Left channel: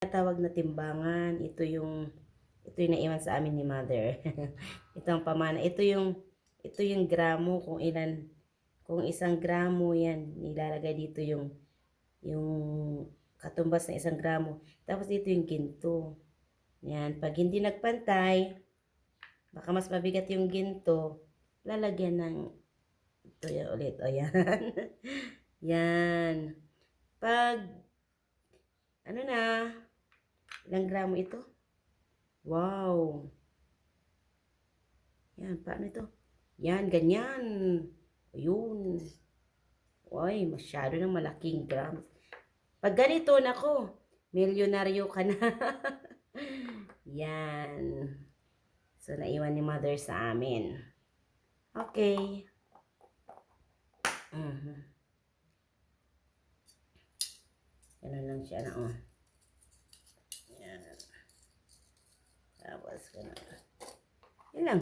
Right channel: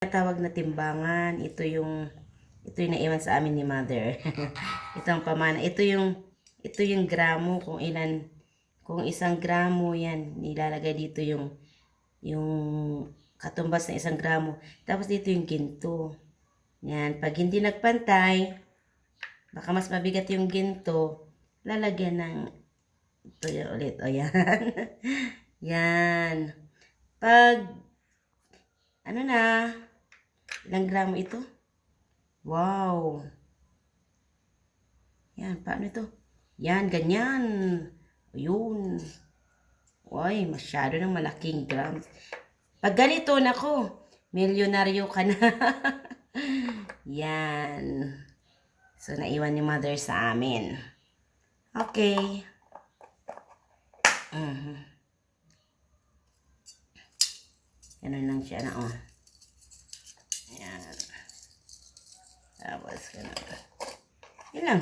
Tawag na timbangan, ito yung naiwan sa amin ni mother. Ito ang pamana. Ito yung gramo, kung ilan, kung 1 gramo yan, nilalagay dito yung katumbas ng 1 gramo. Tapos dito yung ginto. Yan, pag hindi nagpantay, baka mas mabigat yung ginto, lalagyan ng ito yan ulit. O yan. Yan. Pag ano na, ilang gramo ito? Wow. Yan, paano ito? Yan, ganyan. Ayun. Uy, masyado ng malaking grams. Pag ganito, nako, milyonaryo ka na. Yan. So, naiwan ni mother sa amin. Okay. Ganun lang siya na, oh. Yan. Tapos, ganun. Yun lang.